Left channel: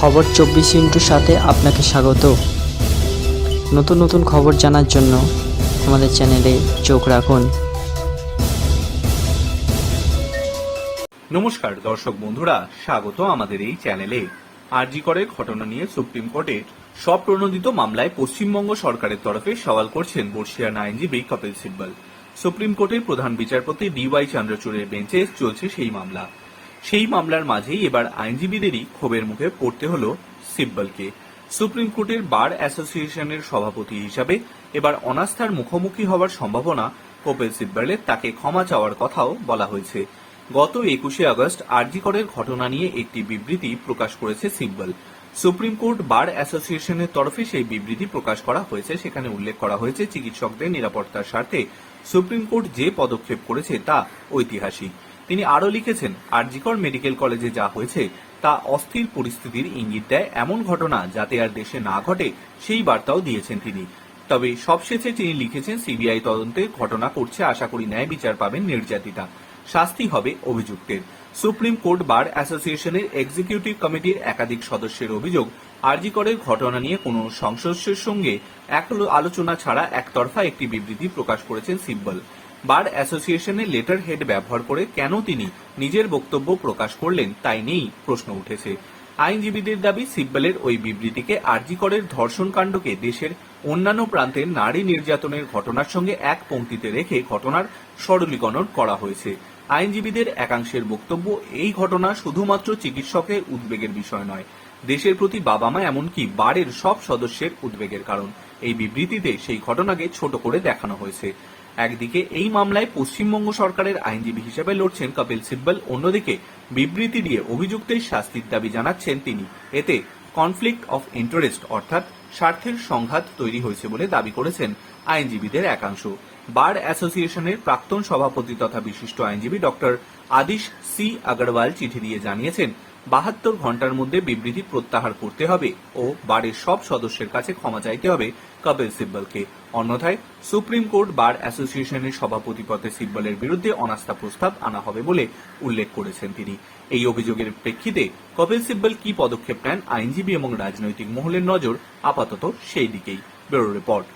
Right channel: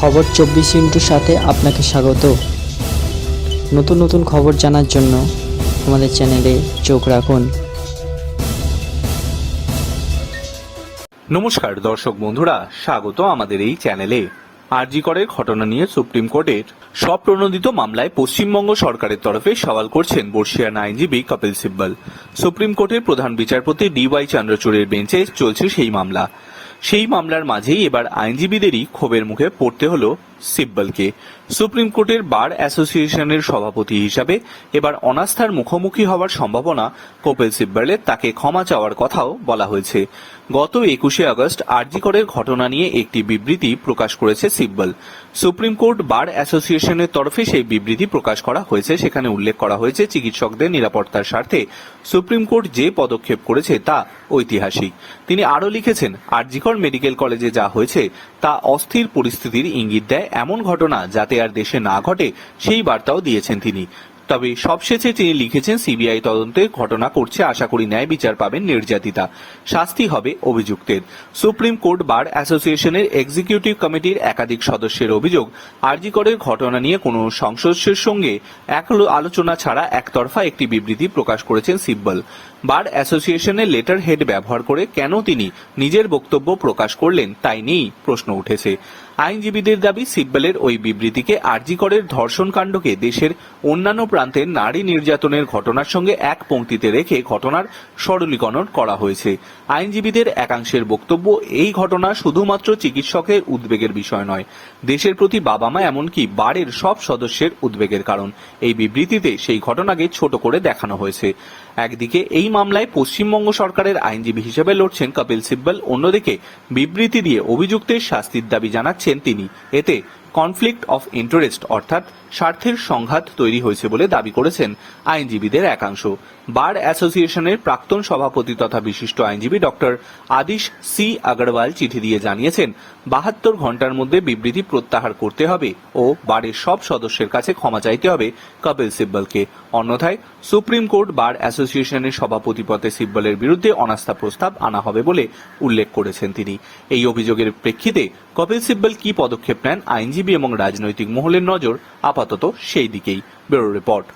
খবর চব্বিশ ইন্টুর সাথে আপনাকে স্বাগত। নতুন নতুন খবর জানার জন্য আমাদের চ্যানেলে চোখ রাখুন। নমস্কার, দর্শক বন্ধুরা, স্বাগত আমাদের এই চ্যানেলে। আরজি করের ঘটনা নিয়ে সুপ্রিম কোর্টের সব প্রণোদিত মামলায় পশ্চিমবঙ্গ সরকারের তরফে সওয়াল করছেন বর্ষিয়ান আইনজীবী কপিল সিব্বল। সুপ্রিম কোর্টের প্রধান বিচারপতি ডি ওয়াই চন্দ্রচূড়ের বেঞ্চে চলছে সেই মামলা। সেই মামলার মাঝেই এবার আইনজীবীদেরই ক্ষোভের মুখে পড়তে হলো সিব্বলকে সুপ্রিম কোর্টের বার অ্যাসোসিয়েশনের সভাপতি হিসাবে এবার অনাস্থার মুখোমুখি হওয়ার সম্ভাবনা কপিল সিব্বলের তাকে ক্ষমা চাওয়ার কথাও বলা হয়েছে। গত একুশে আগস্ট আরজিকরের ঘটনা নিয়ে একটি বিবৃতি প্রকাশ করেছে সিব্বল। সুপ্রিম কোর্ট বার অ্যাসোসিয়েশনের তরফে সেই বিবৃতি প্রকাশ করা হয়েছে। সেখানে উল্লেখ করা হয়েছে চিকিৎসকদের নিরাপত্তার স্বার্থে সুপ্রিম কোর্ট যে পদক্ষেপ করেছে তা ঐতিহাসিক। তিনি আরও লিখেছেন, আরজিকর মেডিকেল কলেজে যা হয়েছে তা অস্থির পরিস্থিতির ইঙ্গিত দেয় এমন ঘটনা যাতে আর দেশে না ঘটে, সেই বার্তাও দিয়েছেন তিনি। তবে সবশেষে তিনি লিখেছেন, সিবিআই তদন্তে ঘটনা করছে আশা করি ন্যায় বিচার পাবেন নির্যাতিতা। শাস্তি হবে অভিযুক্তের। সুপ্রিম কোর্ট বার অ্যাসোসিয়েশনের এক্সিকিউটিভ কমিটির একাধিক সদস্যের অভিযোগ আরজিকরের ঘটনা নিয়ে কোনো সংসদের সঙ্গে এক আলোচনা ছাড়া একতরফা একটি বিবৃতি প্রকাশ করেছেন সিব্বল। বার অ্যাসোসিয়েশনের লেটার হেড ব্যবহার করে কেন তিনি নিজের বক্তব্য প্রকাশ করলেন তাই নিয়েই প্রশ্ন উঠেছে। আইনজীবীদের দাবি সিব্বলের ওই বিবৃতিকে আরজিকরের ধর্ষণ কাণ্ডকে দেশের অন্যান্য প্রান্তের নারী নির্যাতনের ঘটনার সঙ্গে এক পংক্তিতে রেখে ঘটনার সরলীকরণ করা হয়েছে। আইনজীবীদের একাংশের বক্তব্য, এই ঘটনা শুধুমাত্র চিকিৎসকের উদ্বেগের বিষয় নয়। দেশের প্রতি বাবা মা এমনকি বারের সব সদস্যের উদ্বেগের কারণ। এই বিবৃতিতে সেই ঘটনাকে ছোট করে দেখানো হয়েছে। একদিকে এই মামলায় পশ্চিমবঙ্গ সরকারের আইনজীবী হিসেবে লড়ছেন কপিল সিব্বল, অন্যদিকে বিবৃতি দিয়ে অভিযুক্তের শাস্তির দাবি জানাচ্ছেন তিনি। এতে কনফ্লিক্ট অফ ইন্টারেস্ট অর্থাৎ স্বার্থের সংঘাত তৈরি হয়েছে বলে দাবি করেছেন আইনজীবীদের একাংশ। বার অ্যাসোসিয়েশনের প্রাক্তন সভাপতি তথা বিশিষ্ট আইনজীবী ডক্টর আদিশ সি আগরওয়াল চিঠি দিয়ে জানিয়েছেন, বাহাত্তর ঘণ্টার মধ্যে বিবৃতি প্রত্যাহার করতে হবে ও বারের সব সদস্যের কাছে ক্ষমা চাইতে হবে কপিল সিব্বলকে। অন্যথায় সুপ্রিম কোর্ট বার অ্যাসোসিয়েশনের সভাপতি পদে সিব্বলের বিরুদ্ধে অনাস্থা প্রস্তাব আনা হবে বলে উল্লেখ করেছেন তিনি। এই অভিযোগের প্রেক্ষিতে কপিল সিব্বল কি পদক্ষেপ নেন আইনজীবী এবং রাজনৈতিক মহলের নজর আপাতত সেই দিকেই ব্যুরো রিপোর্ট।